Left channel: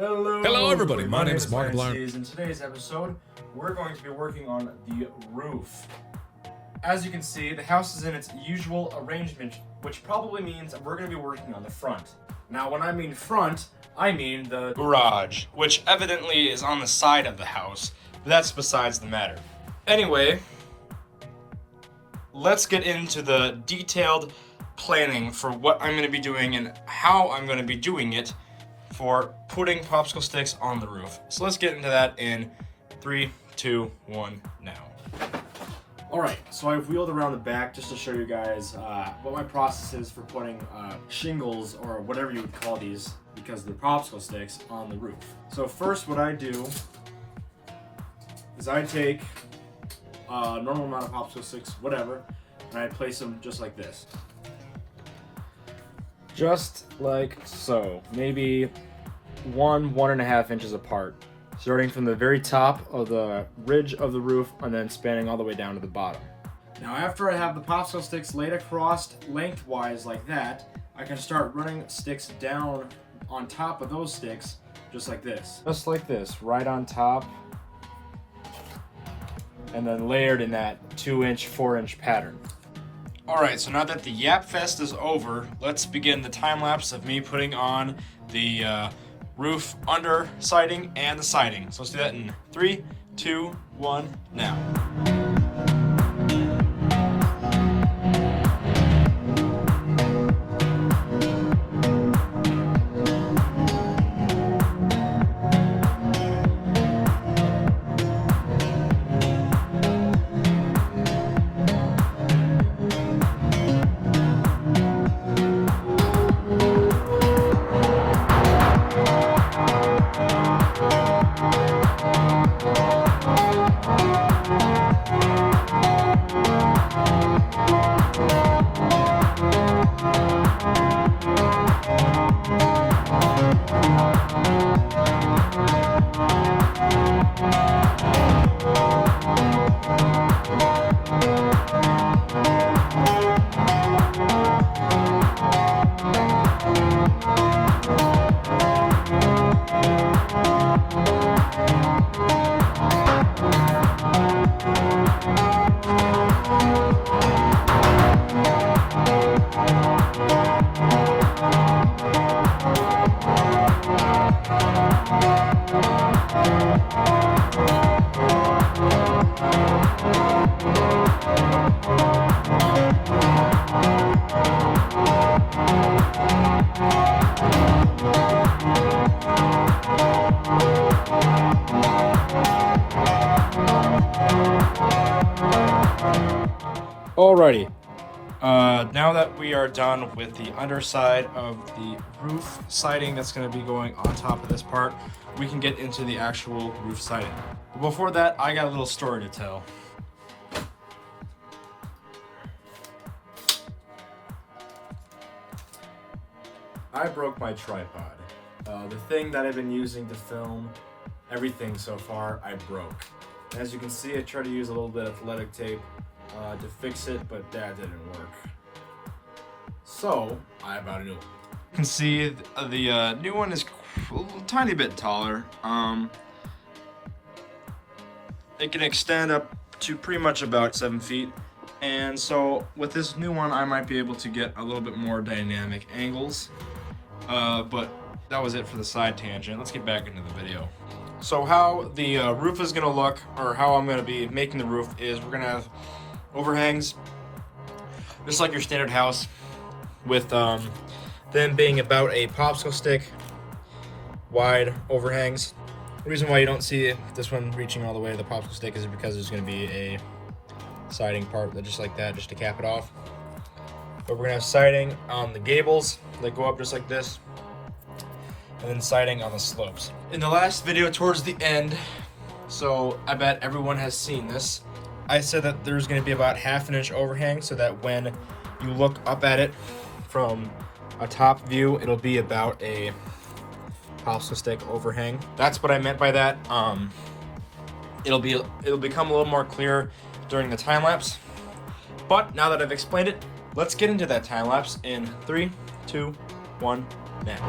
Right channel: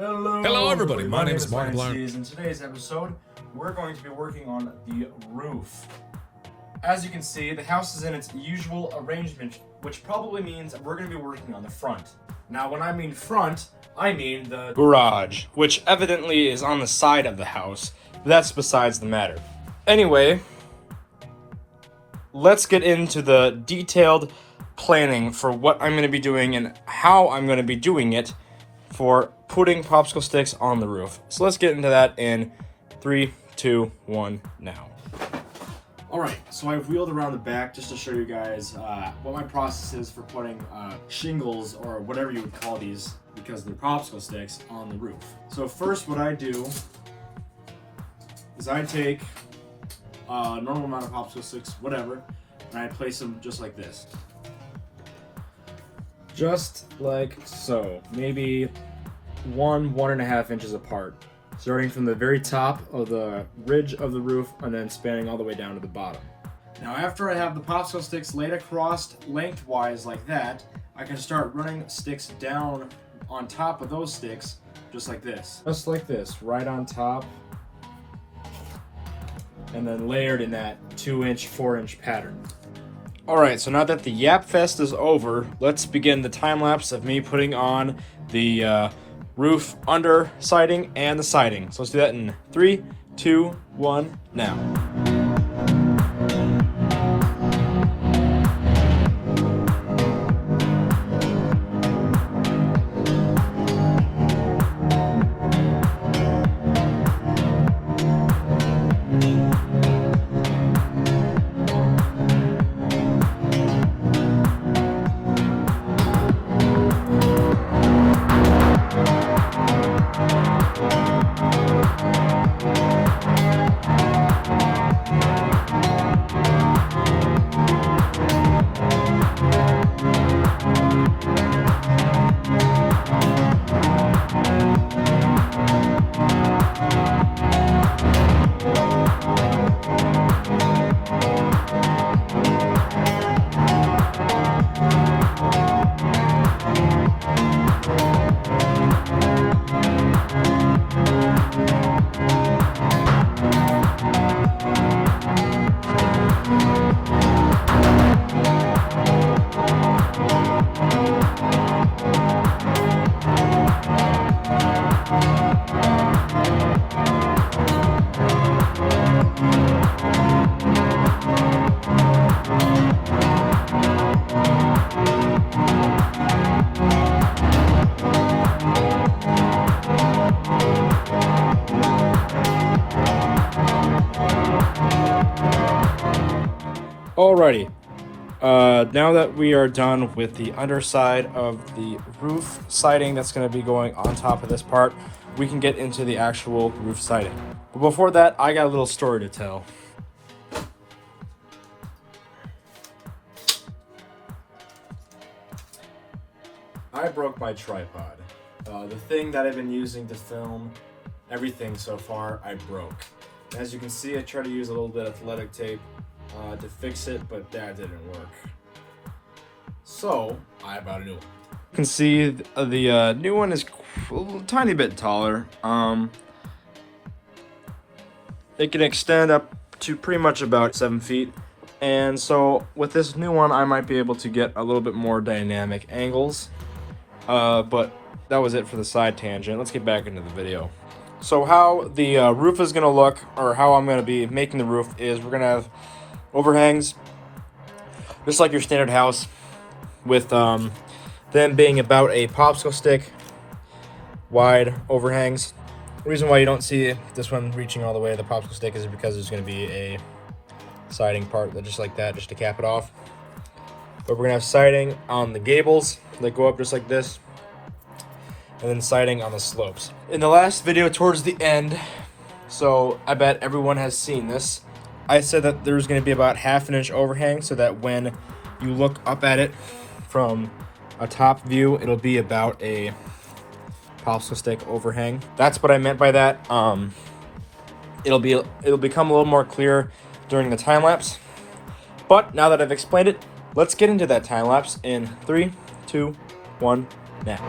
Hello everybody, my name is Markiplier. In today's episode, we're going to be working on the roof. As you can see, the house is in its usual arrangement, which probably means we're going to be working on the front. Now, when I mean front, I mean the garage, which evidently is on the side of the house, but that's besides the matter. Anyway, let's get into the detailed planning for what I'm going to be doing and how I'm going to be doing it for putting popsicle sticks on the roof. So let's get into that in 3, 2, 1, now. Alright, so I've wheeled around the back just to show you guys what my process is for putting shingles, or whatever you would call these, because they're popsicle sticks, on the roof. So first what I do is I take a normal amount of popsicle sticks, whatever, and I place them just like this. Just like so, maybe 1.5 inches apart, starting from the very top of the ridge of the roof and then spanning all the way down to the bottom. Now, after I have the popsicle sticks laid across lengthwise like that, I can start running sticks down on top of those sticks, just like this. Just like this, right on top, and then layered in that 2-inch, 4-inch pattern. Alright, so now that the Yap Fest is over, let's begin the time lapse of me putting on the roof under siding and the siding. So let's do that in 3, 2, 1, now. Alrighty, now that we are done with the underside of the roof siding that's going to be going on top of this part, we can get into the actual roof siding. But before that, I got a little story to tell. I broke my tripod. The thing that I've been using to film everything so far, I broke. As you can see, I tried to use a little bit of athletic tape to fix it, but that didn't work. So I bought a new one. You can see the new one is a tiny bit taller. It can extend up to pretty much about 7 feet. And so with this new one, I might be able to get a little bit more dynamic angles. But that was it for the side tangent. Let's get back into the video. So how the roof is going to look, or how I'm going to be making the roof, is we're going to have overhangs, just like your standard house, with them being about a popsicle stick wide overhangs. The reason why you don't see this one reaching all the way to the popsicle stick is because there's going to be a siding part that just like that, just to cap it off. But we're going to have siding on the gables that go up just like this, and then siding on the slopes. In the last video towards the end, so I bet everyone has seen this, I said that there's going to be about 1/2 inch overhang, so that when you look up at it from a top view, it'll be about a popsicle stick overhang. That's what I meant by that. It'll become a little more clear during the time lapse. But now that I've explained it, let's get into that time lapse in 3, 2, 1, now.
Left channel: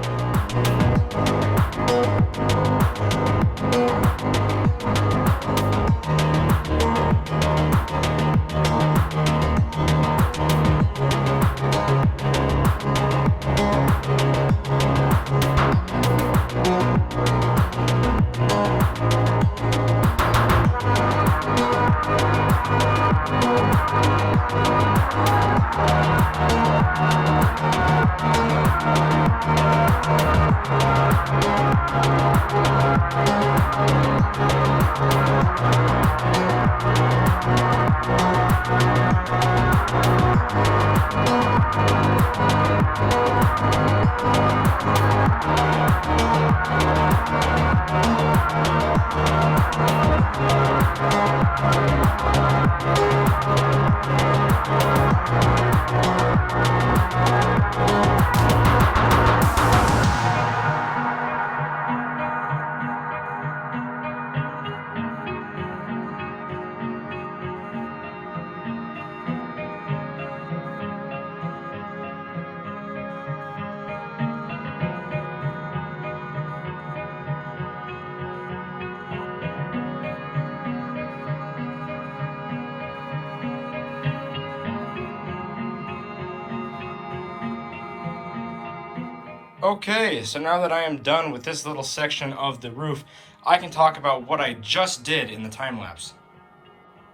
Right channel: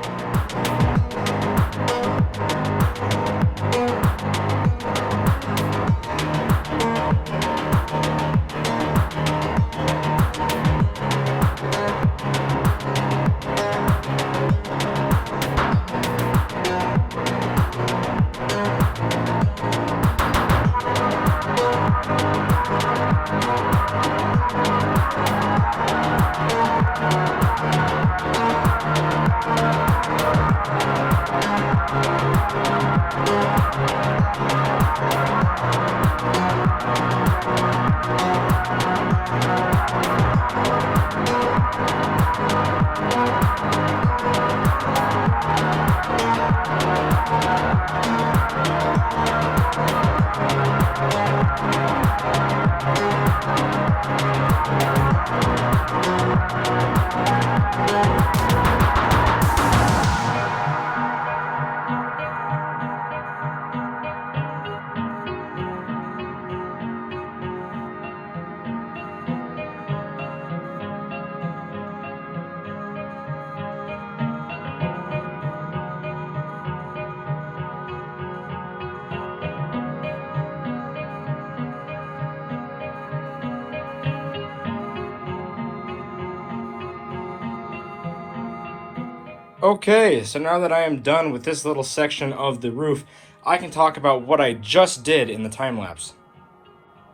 Okay, so now that I am done with this little section of the roof, I can talk about what I just did in the time lapse.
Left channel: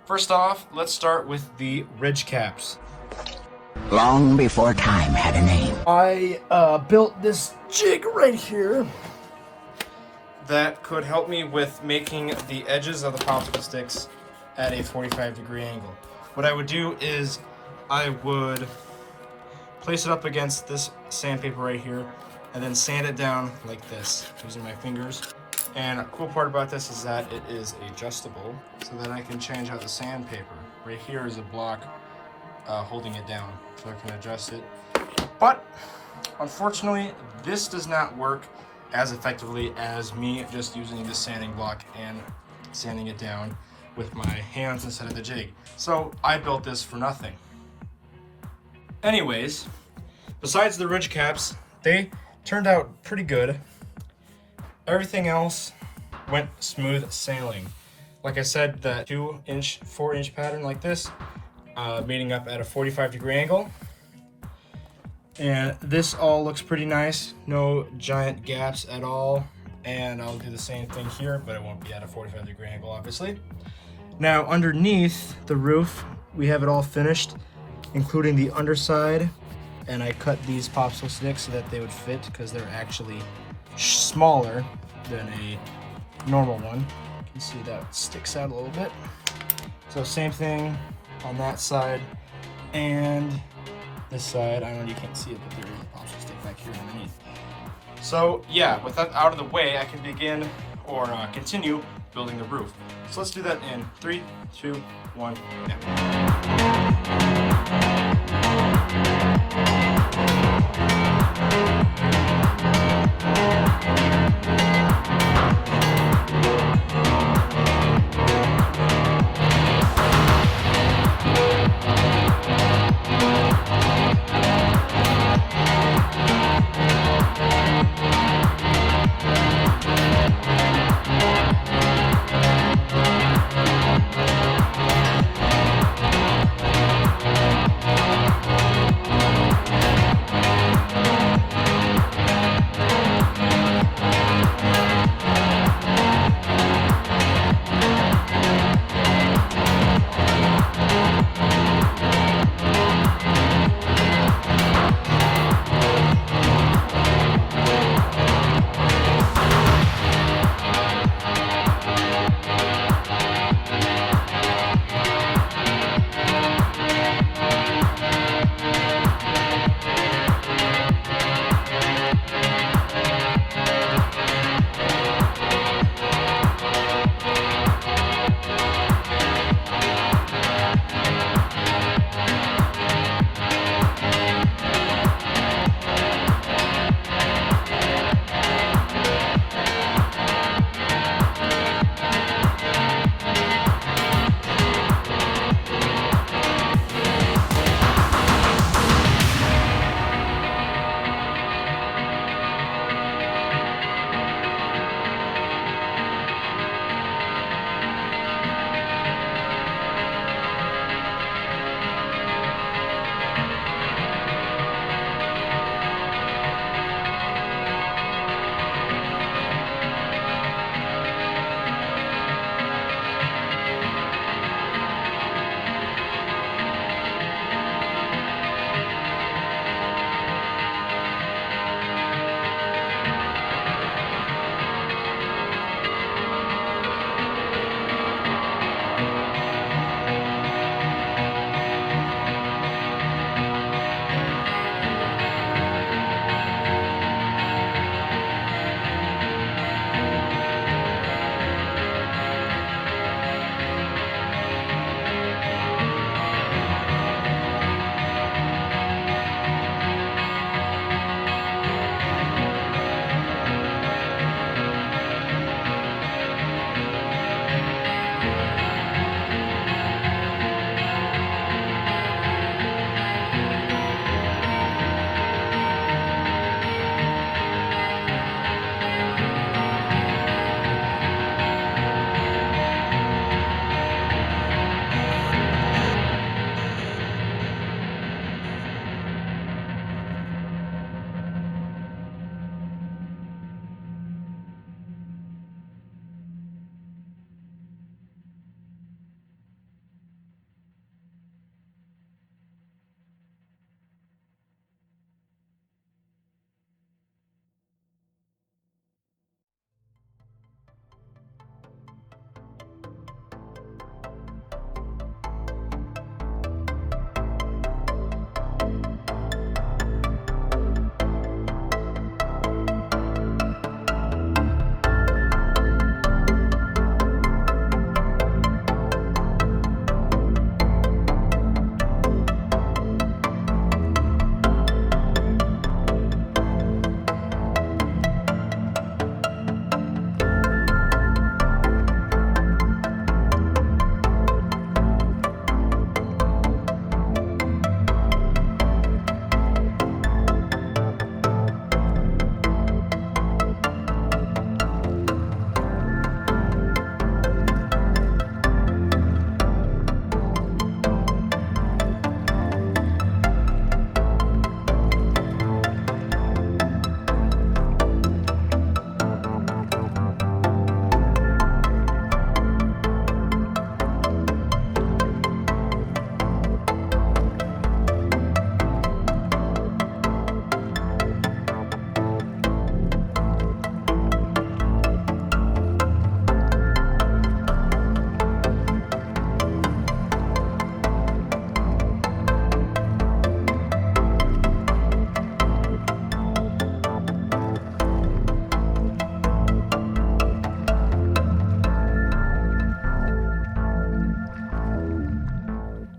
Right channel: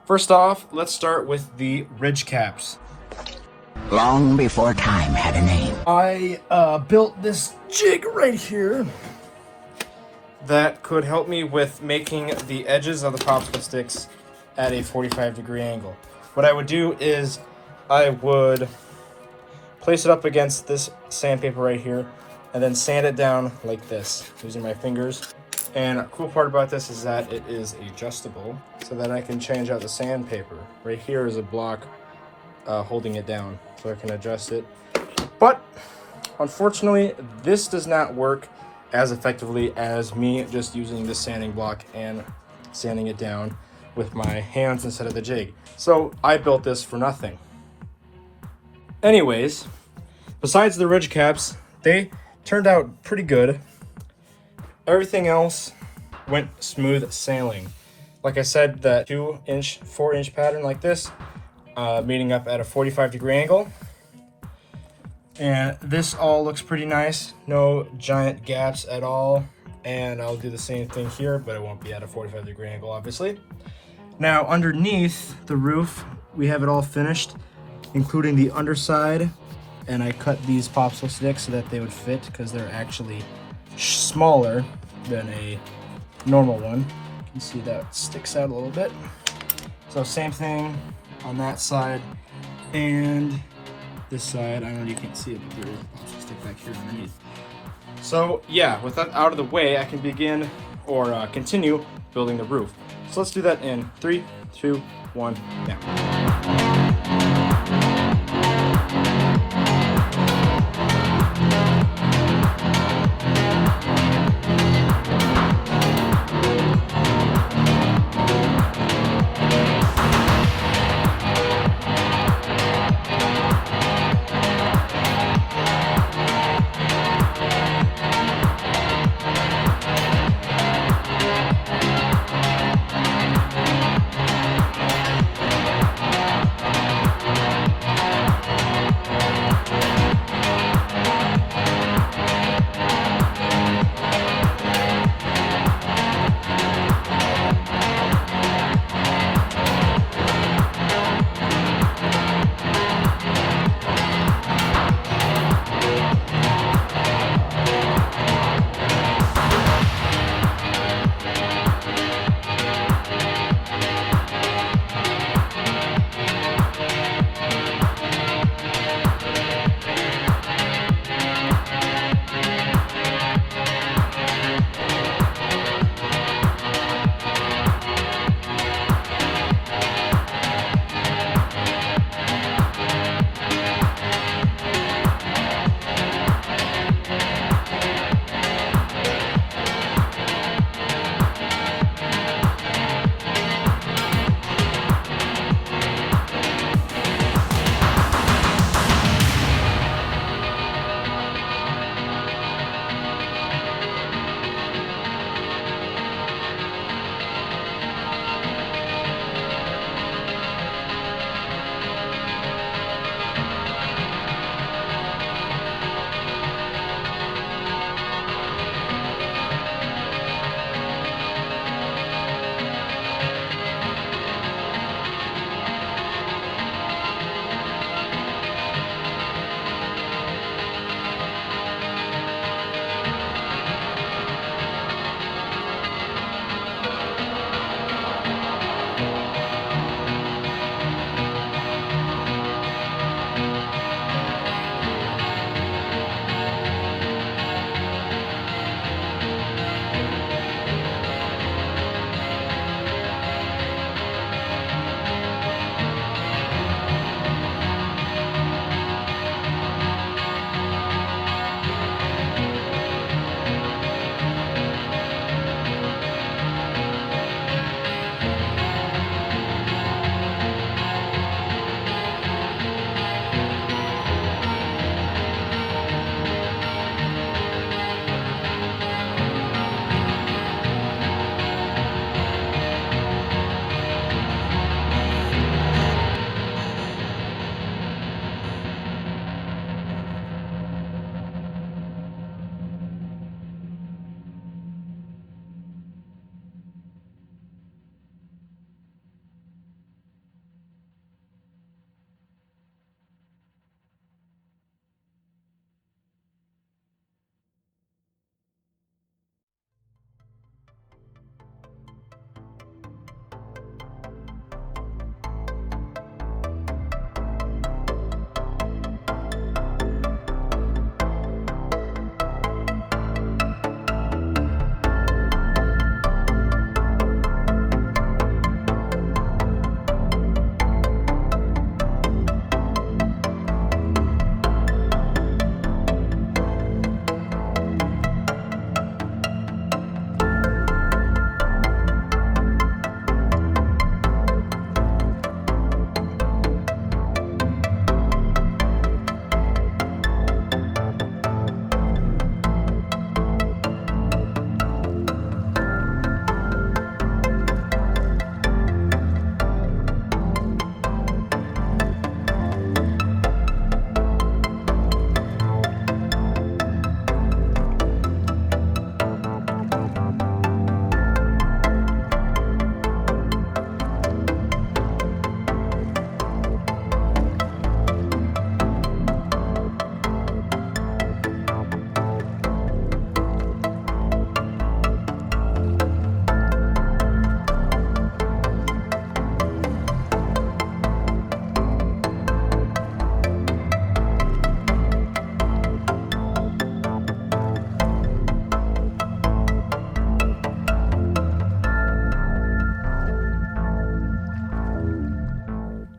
First off, let's start with the ridge caps. Long before time had a name. I built this jig right here that could help me with making the edges of the popsicle sticks at a 45-degree angle. What I would do is I would place it up against this sandpaper right here and then sand it down like this using my fingers. And a cool part about this is that it is adjustable so that I can change out the sandpaper. Right here is a block holding it down, so I can adjust it. But unfortunately, this does not work as effectively as me just using this sanding block and sanding it down with my hands instead of the jig. So I built this for nothing. Anyways, besides the ridge caps, they turned out pretty good. Everything else went smooth sailing. Like I said, that 2-inch, 4-inch pattern like this, meeting up at a 45-degree angle. And this all looks pretty nice. No giant gaps at all. And I'll do the same thing here, but it won't be at a 45-degree angle, obviously. Now, underneath the roof, we have it all finished, including the underside. And I cut these popsicle sticks so that they would fit because they're actually smaller than a normal one. You can see that sticks out a little bit. So same thing on that side and this side. I don't know, you can't see it, but there's a popsicle stick back here underneath. So yeah, with that out of the way, I can begin or continue building the roof. So let's do that in 3, 2, 1, now.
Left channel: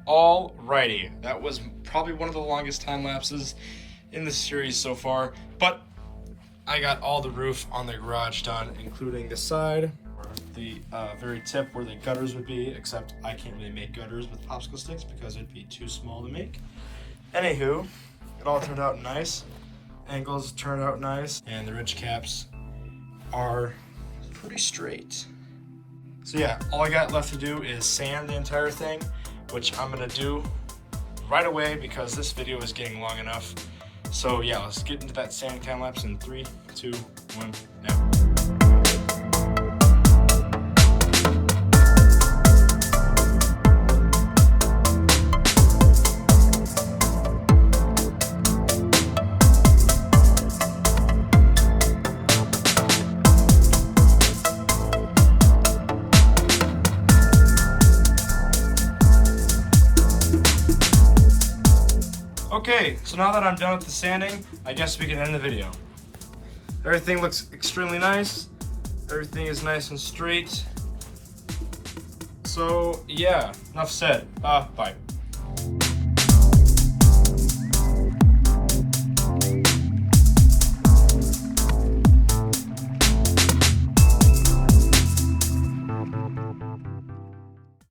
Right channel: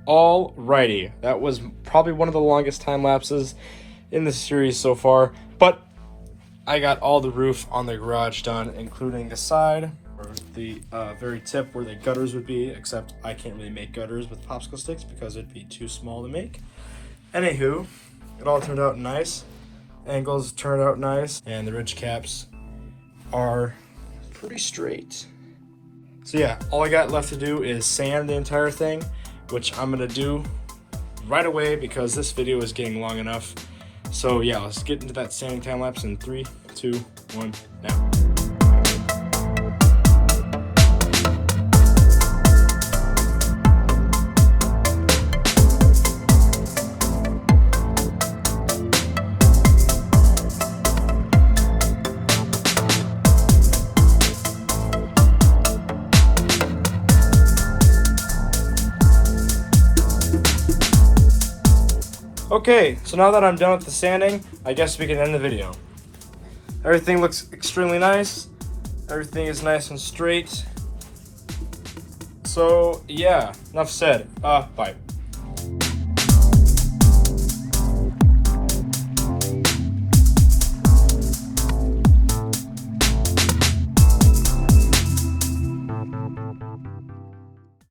Alrighty, that was probably one of the longest time lapses in the series so far, but I got all the roof on the garage done, including the side, or the very tip where the gutters would be, except I can't really make gutters with popsicle sticks because it'd be too small to make. Anywho, it all turned out nice. Angles turned out nice, and the ridge caps are pretty straight. So yeah, all I got left to do is sand the entire thing, which I'm gonna do right away because this video is getting long enough. So yeah, let's get into that sanding time lapse in 3, 2, 1, now. Okay, so now that I'm done with the sanding, I guess we can end the video. Everything looks extremely nice. Everything is nice and straight. So yeah, enough said. Bye.